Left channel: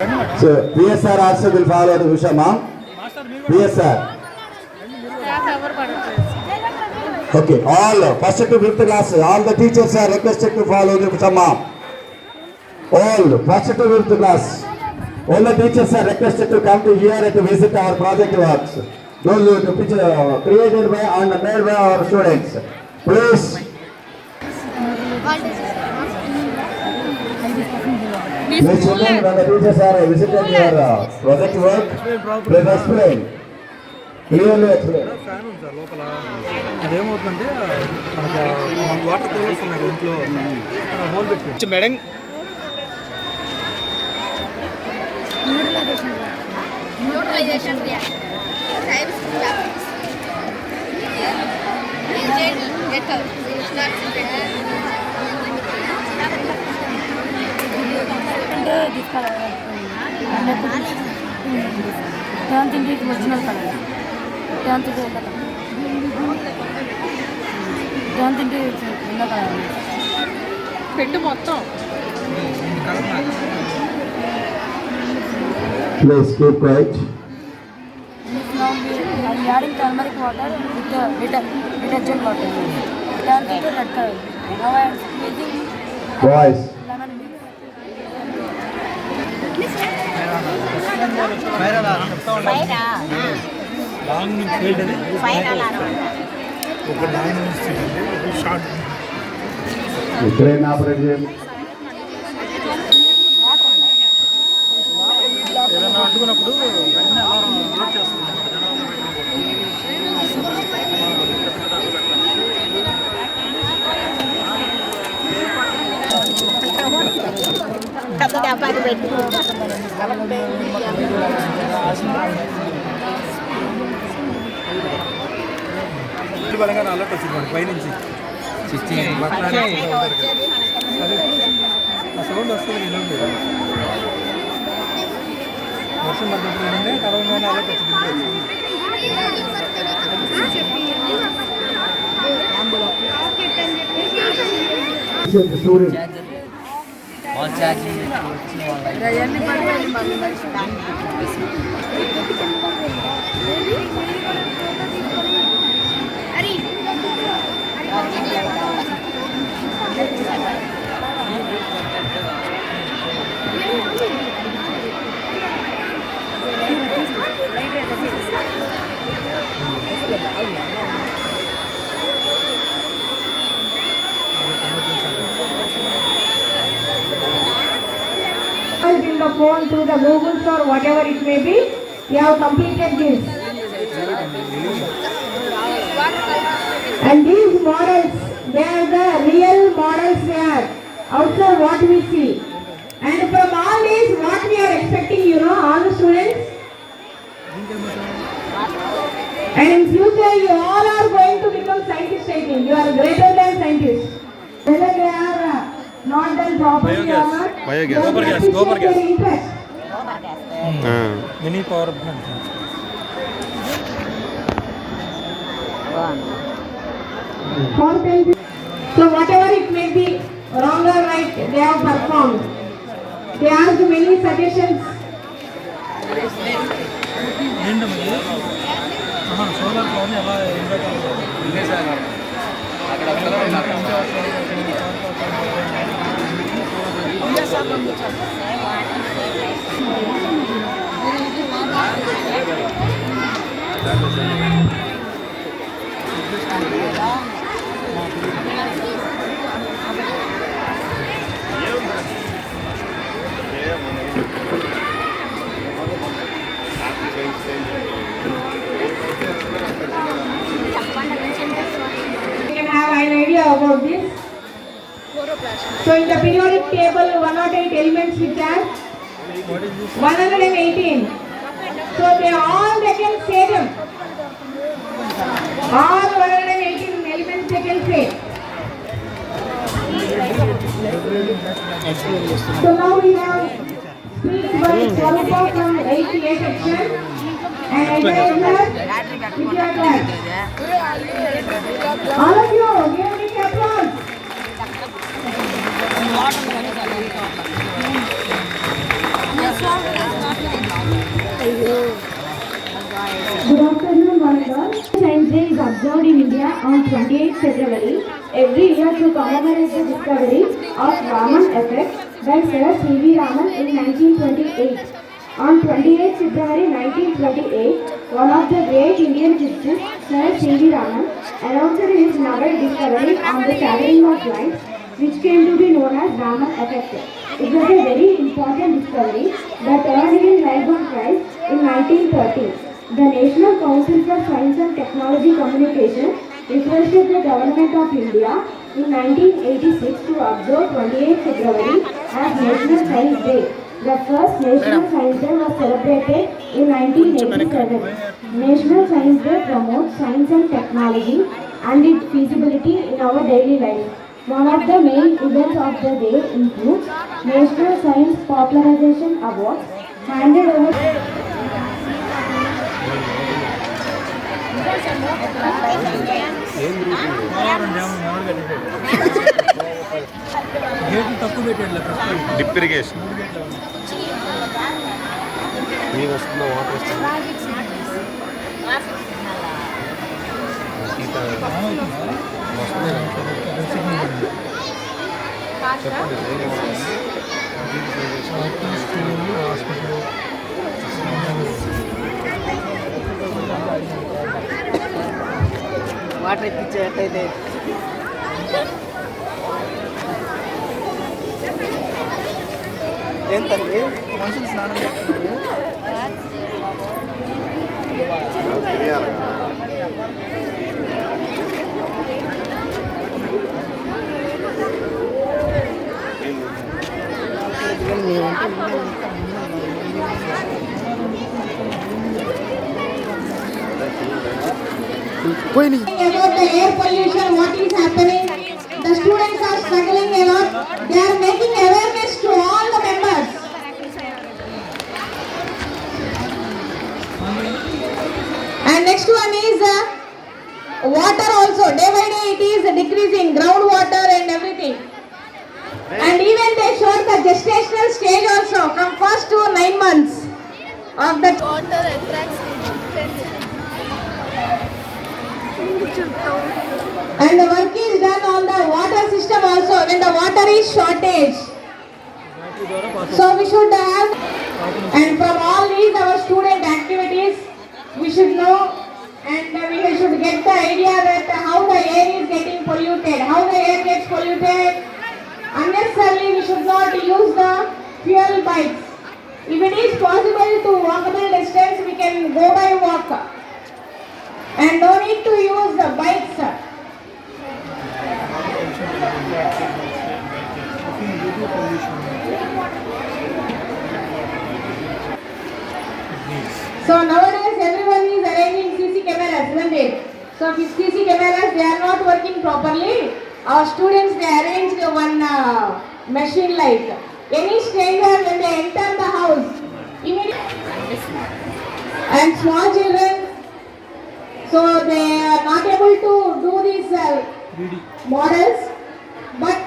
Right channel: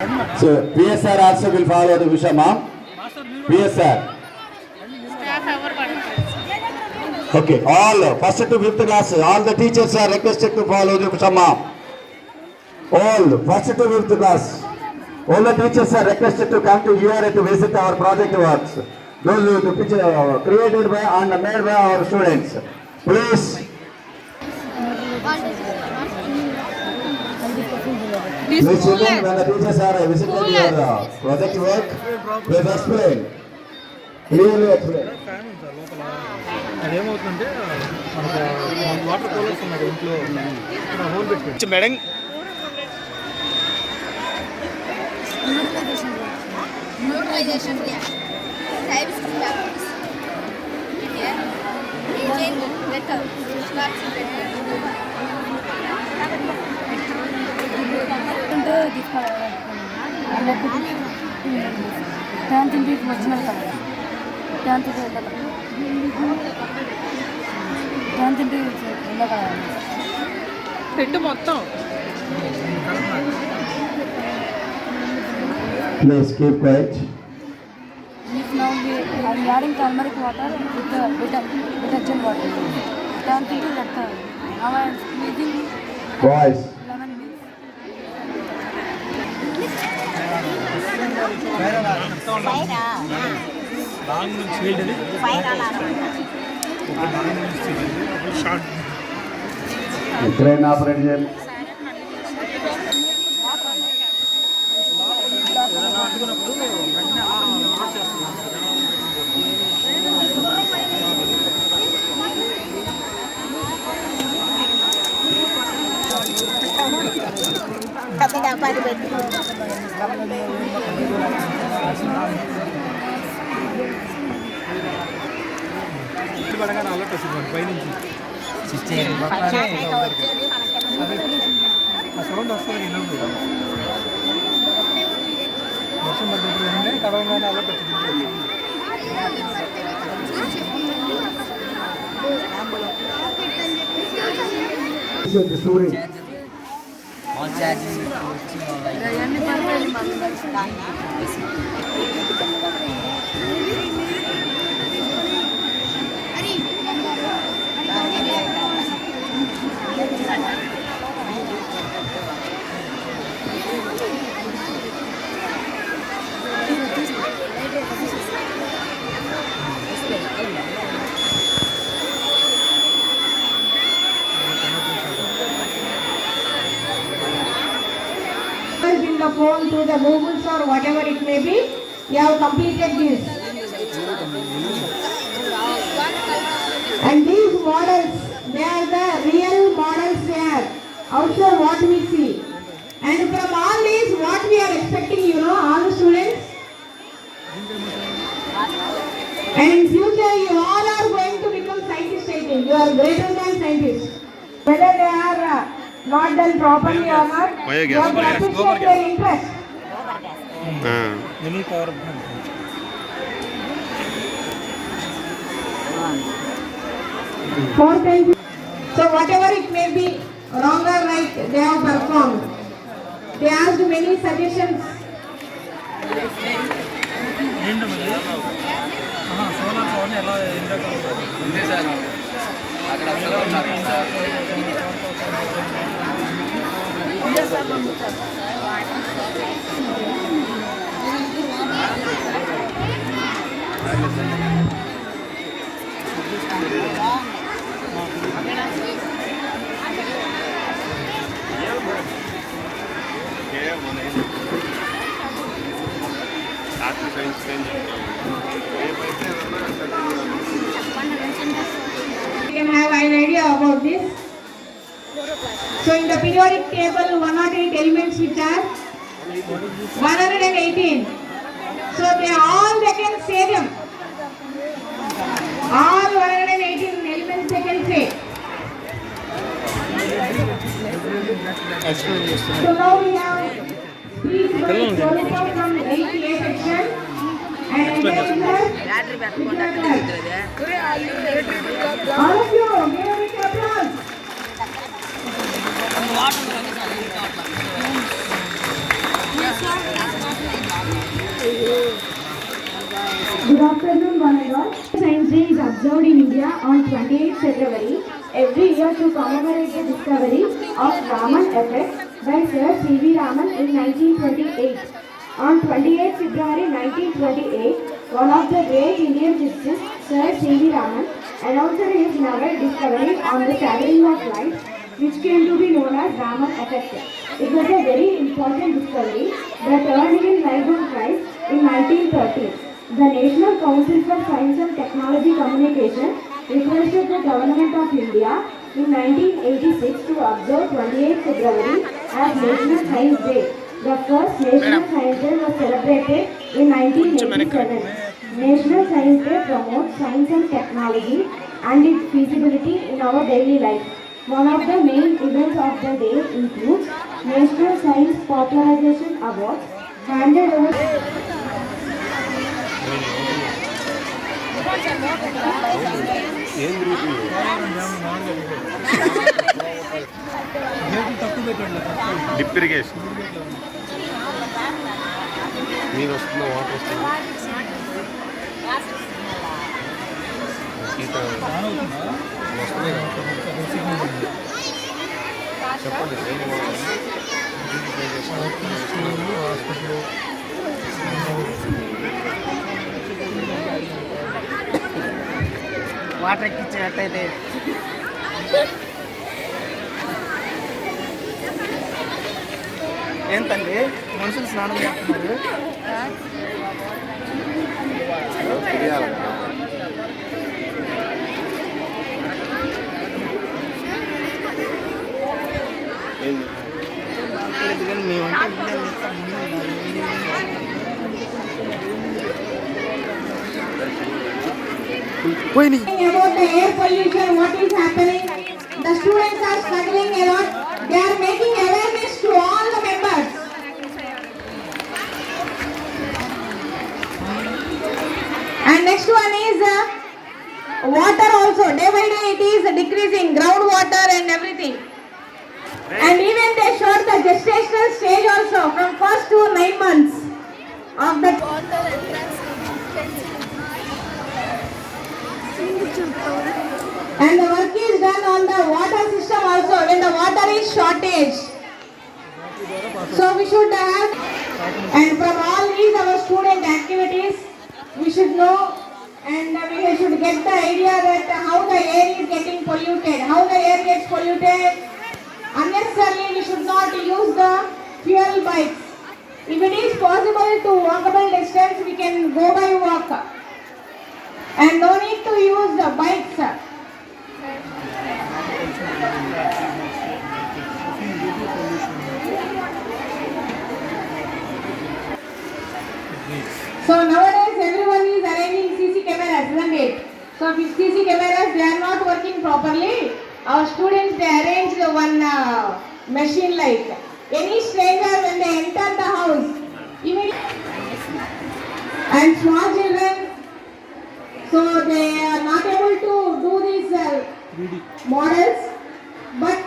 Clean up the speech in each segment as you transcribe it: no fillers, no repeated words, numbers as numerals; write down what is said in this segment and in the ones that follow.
So PSR also will follow the Vishamam. PSR. Okay, all first to fifth class, all the teachers are requested to follow the Vishamam. All first to fifth class, all the teachers are requested to come to here to visit our project works. Those who picture created by and made by our students. Please. Please children, when the teachers are visiting your project work, please explain. Clearly explain. అదేమవుతుందంటే మనకు water coolers ఉన్నారు ఇంట్లో whole పెట్టి madam tenth ఇంటికి వచ్చినారు కదా tenth tenth ఇంటికి వెళ్ళా కదా పెట్టు మొత్తం Please keep quiet. Now we are adding turmeric water with the detergent water. Turn into letter. Now I am squeezing Boys. lemon mix. Long నుంచి ఫీల్డ్ అది ఒక లాంగ్ నుంచి షార్ట్ Train operate చేయండి. అందుకున్నప్పుడు వెంటనే అలా చేస్తుంది బలంగా అలర్ట్ వస్తుంది పైనుంచి ఆ సౌండ్ వస్తుంది వినండి వర్షం పడ్డప్పుడు ఏంటంటే కలవగానే అలర్ట్ వచ్చింది in the phone to the Googles or whatever it may be, you have completed this. And these models, they are the real models they are. Also what we see. And from all these, what we are expecting, you know, all the students. And in future, you all are going to become scientists, I think. You are greater than scientists. Whether they are not done properly or not, you have to appreciate their interest. Mini power More than so whatever it may be, wrong or right, they have performed. They asked many suggestions. Solar పవర్ని ఎలా ఎండాకాలంలో sir You can have an idea about this. So in the periodic table, 108 elements which are 118. So they can say them. All 118 elements they can say. So now we have speech by Swarupa from 8A section and all of you, give a big applause. Yes, sir. observed in India on 28 February every year to commemorate the discovery of Raman effect by Sir C.V. Raman in 1928. On 28 February 1928, one of the great Indian physicists, Sir C.V. Raman, announced his novel discovery on the travelling of light, which came to be known as Raman effect. It was a very important discovery that earned him Nobel Prize in 1930. The National Council for Science and Technology Communication requested the Government of India in 1986 to observe 28 February as National Science Day. The first National Science Day was celebrated in 1987. National Science Day promotes science and technology and its feasibility in our daily life. One of the main events of the day includes National Science Popularization Awards handed over. గేట్లు తక్కువ పెట్టాడు తక్కువ drip irrigation నీరు వస్తుందా water వస్తుందా ఈత వస్తుంది చెప్పండి హాస్పిటల్ వాటర్ ఎక్కించేటైతే ఏంటండి మనుషులు స్నానం చేస్తున్నారు పోయినాయి About the air pollution, what is happening? The students are struggling a lot. They are making awareness to all the members. And next one is water also. Day by day it is decreasing, groundwater and everything. And even they showed the gestational stage also from first to 9 months of the Water attracts and the work is done on the water system also when the water is shortage. So we should have, and from all these our student activities we should know and we should get the idea that how the air is getting polluted, how the air gets polluted. Unnecessarily we should not use the fuel bikes. If it is possible to walkable distance, we can go by walk and no need to use the bikes. So nowadays everyone is arranging CC cameras, isn't it? So if CC cameras they are not working properly, our students they arranged one machine like any stranger when they enter the house, immediately and small children, so they are not able to do these models, but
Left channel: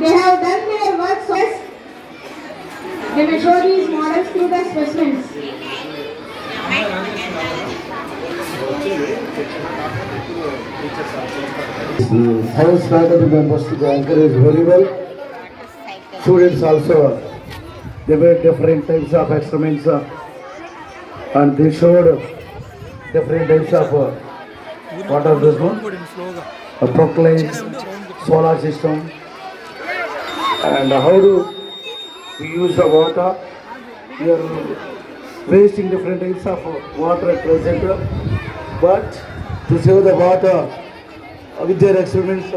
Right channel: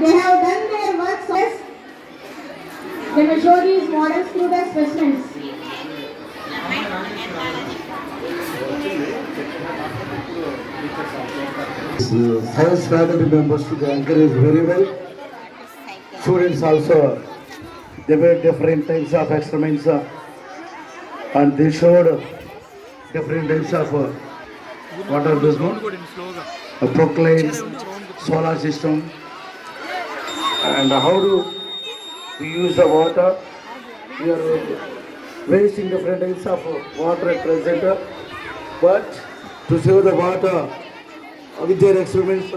they have done their work. So they will show these models through the specimens. Science faculty members to encourage very well. Students also, they made different types of experiments and they showed different types of what are this one? A proclaim, solar system, and how to use the water. We are wasting different types of water at present, but to save the water, with their experiments,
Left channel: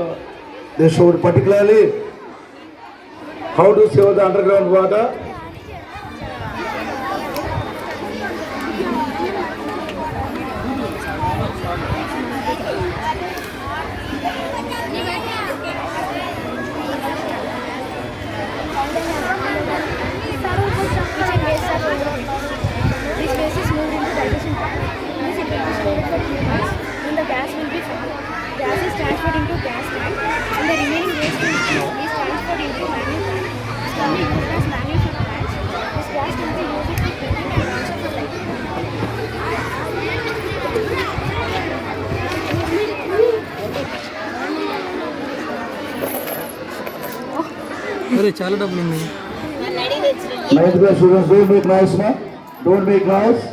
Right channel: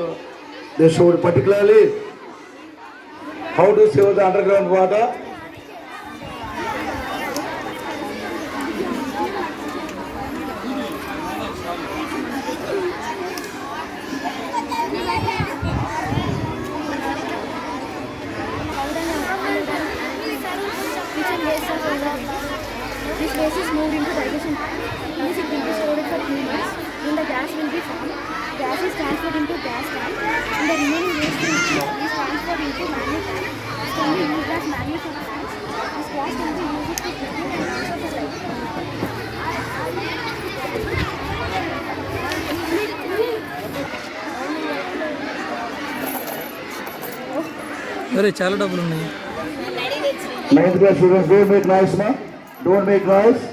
they showed particularly how to save the underground water. This gas is moved into digestion tank. This it will be stored for 2 months. Then the gas will be formed. Gas is transferred into gas tank, and the remaining waste is transferred into manual tank. This can be used as manual for plants. This gas can be used for cooking and also for lighting. అరే చాలా డబ్బులు ఉన్నాయి. 9th class students, don't make noise, ma. Don't make noise.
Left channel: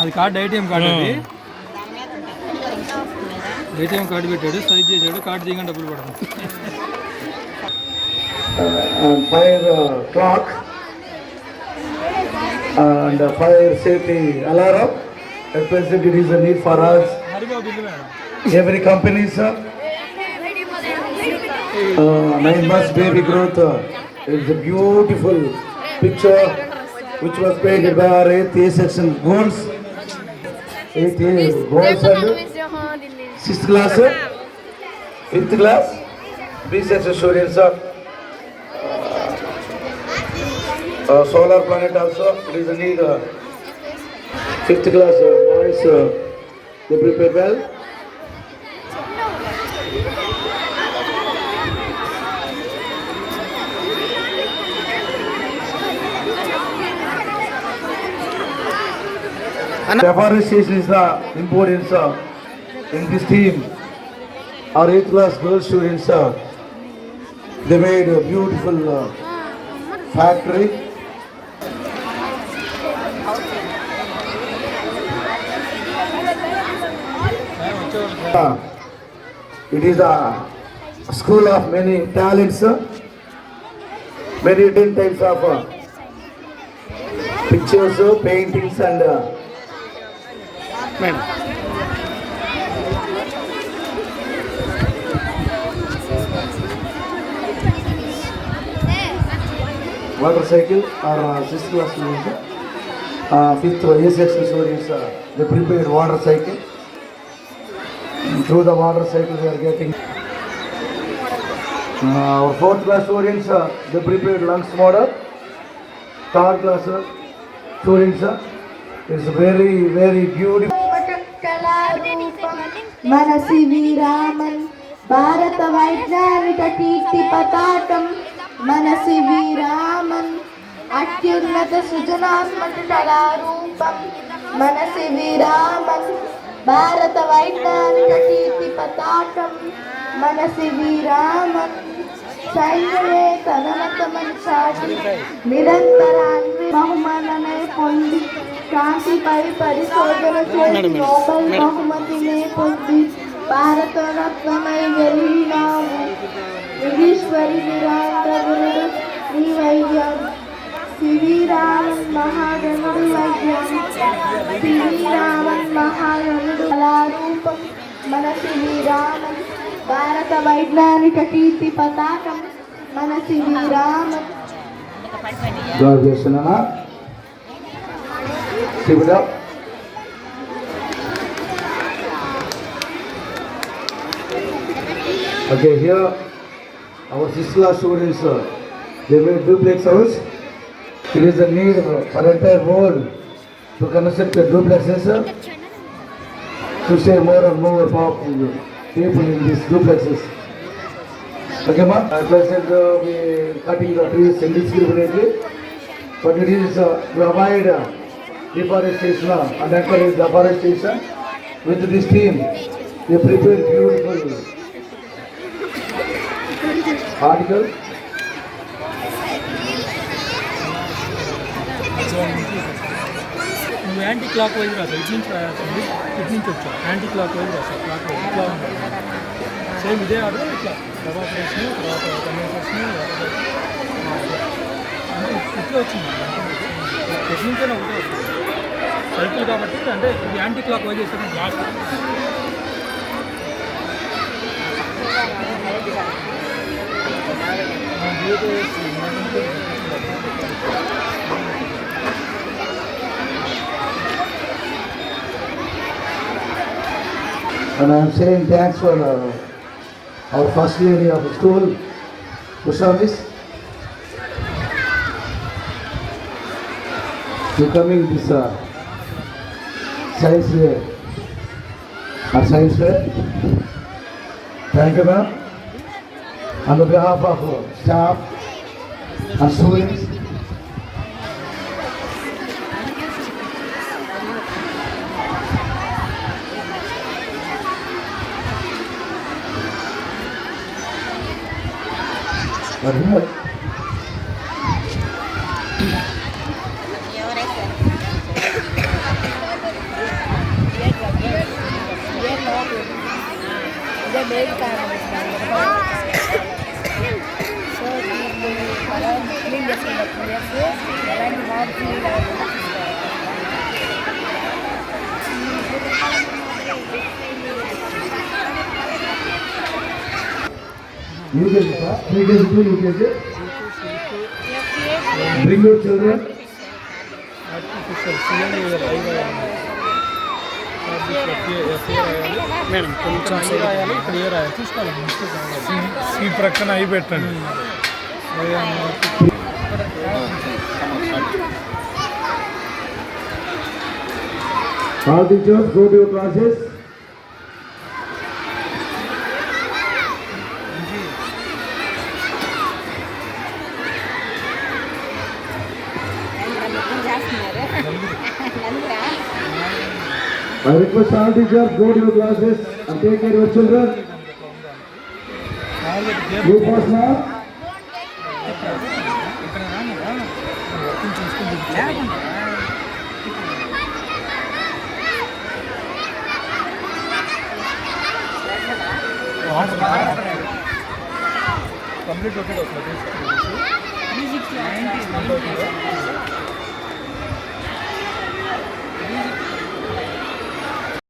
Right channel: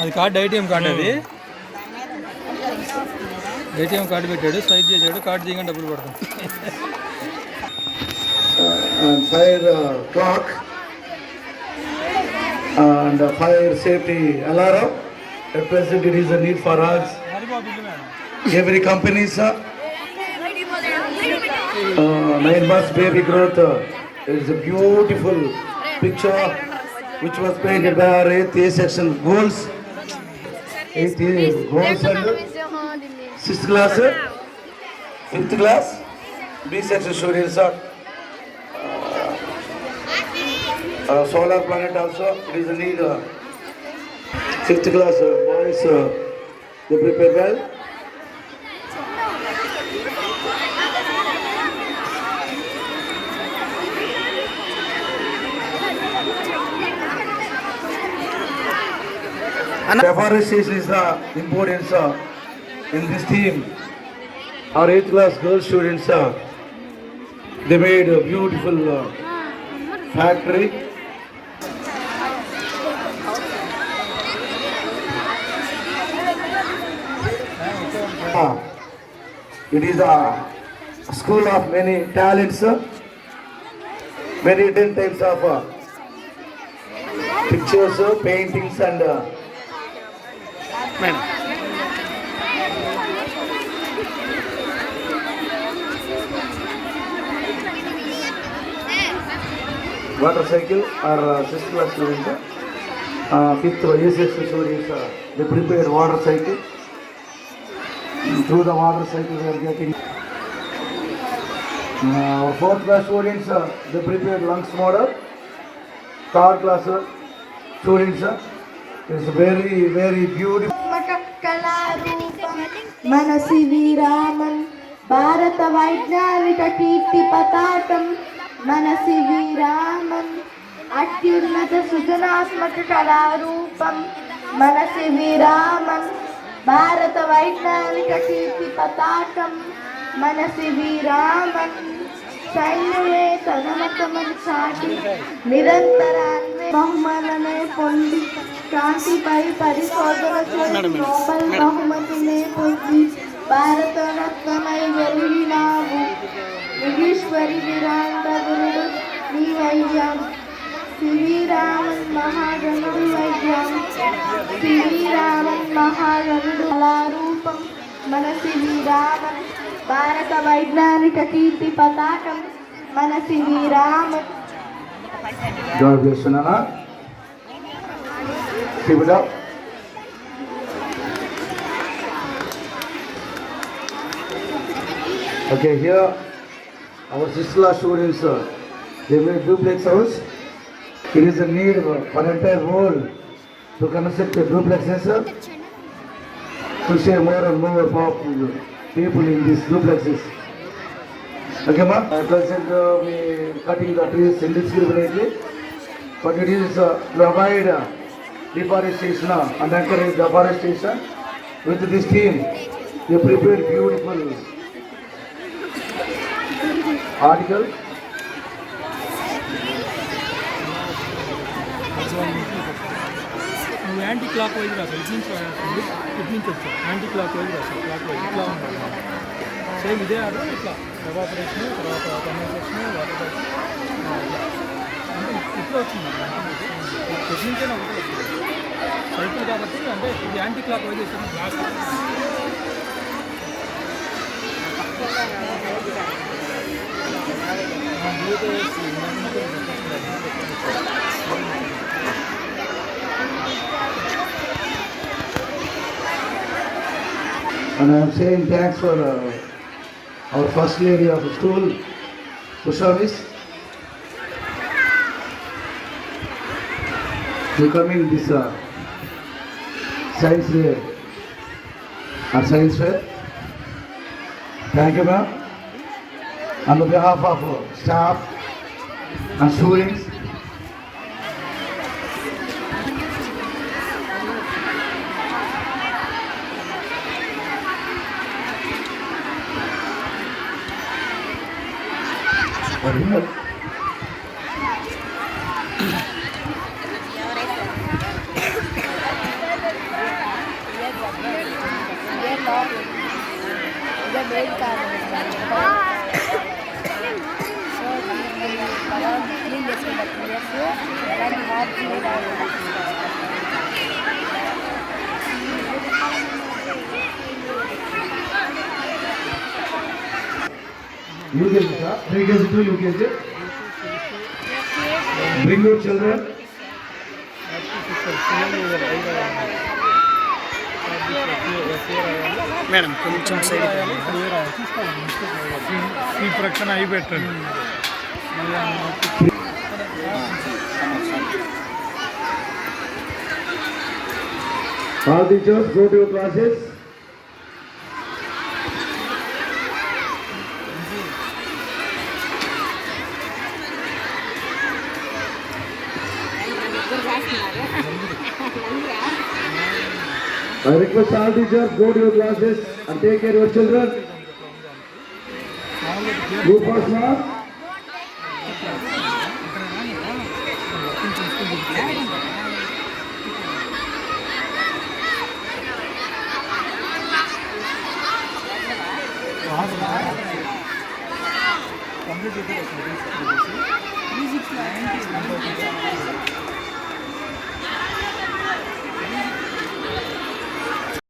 అది card ATM card, అది ATM card పెట్టాడు, swipe చేశాడు, card చేయగానే డబ్బులు పడతాం. And fire clock and fire safety alarm. At present, it is a need for us. Haribabu bill madam. Every company, sir. 9 months baby growth. It is a beautiful picture which was painted by our 8th A section goals. 8th A goals and 6th class, 5th class, B section students, sir. Solar planet also, it is a need. 5th class boys, they prepare well. Deforestation is the importance in this team. Our 8th class girl students, they made a beautiful factory. It is a school of many talents, many different types of pictures, paintings and madam water cycle or 6th class students, 5th A section students, they prepared water cycle. Through the water cycle we are getting. Our 4th class students, they prepared lunch model. 3rd class students, it's very very beautiful. మనసి వీరామన్ భారత వైజ్ఞానిక కీర్తి పతాకం మనసి వీరామన్ అత్యున్నత సృజనాత్మక కళారూపం మనసి వీరామన్ భారత వైజ్ఞానిక కీర్తి పతాకం మనసి వీరామన్ సైన్యమే తనమతమని చాటి నిరంతరాన్వే బహుమాననే పొంది కాంతిపై పరిశోధన చేసి నోబెల్ బహుమతినే పొంది భారతరత్నమై వెలిగినావు యోగేశ్వరి నిరాంతరుడు నీ వైద్యం శ్రీరామన్ మహాగణుడు వైద్యం శ్రీరామన్ మహాగణుడు కళారూపం మన శ్రీరామన్ భారత వైజ్ఞానిక కీర్తి పతాకం మన Sriraman. God bless you, Nana. Keep it up. Okay, here our 6th class students, they made duplex house. There is a need for entire world to construct the duplexes to save more and more people in these duplexes. Okay, ma? Present we cutting the trees indiscriminately, but it is to avoid deforestation and encourage deforestation. With this team, they prepared beautiful article. నువ్వు anti clock wise రాదు, ఇటు నుంచి వచ్చావు anti clock wise రాసావు, clock wise ఇట్లా ఉన్నావు. Same ఇదే order ఇట్లా ఎవాపరేషన్ తర్వాత కండెన్సేషన్ వాటర్ అంటే ఇట్లా వచ్చింది. టెక్నికల్ ఒకటే వస్తుంది సైకిల్ కాబట్టి, అంటే ఇది యాంటీ క్లాక్ వైజ్ ఇస్తాను clock. And I am saying thanks for our first lady of the school, Usha Miss, to coming this science fair. Our science fair. Thank you, ma'am. On behalf of staff and students, ఇదే main కారణం so మనం clean చేసుకున్నాం 2 years ఎలాంటి MOP clean అవ్వకుండా చూసుకోవాలి. UKG, sir. Pre-KG to UKG. Bring your children. Madam కొంచెం side clear చూసుకోవాలి. ఈ ప్రక్కన అయి పెట్టండి. All teachers, go to your classes. I request all teachers, go to your classes and take care of your children. You first now. Complete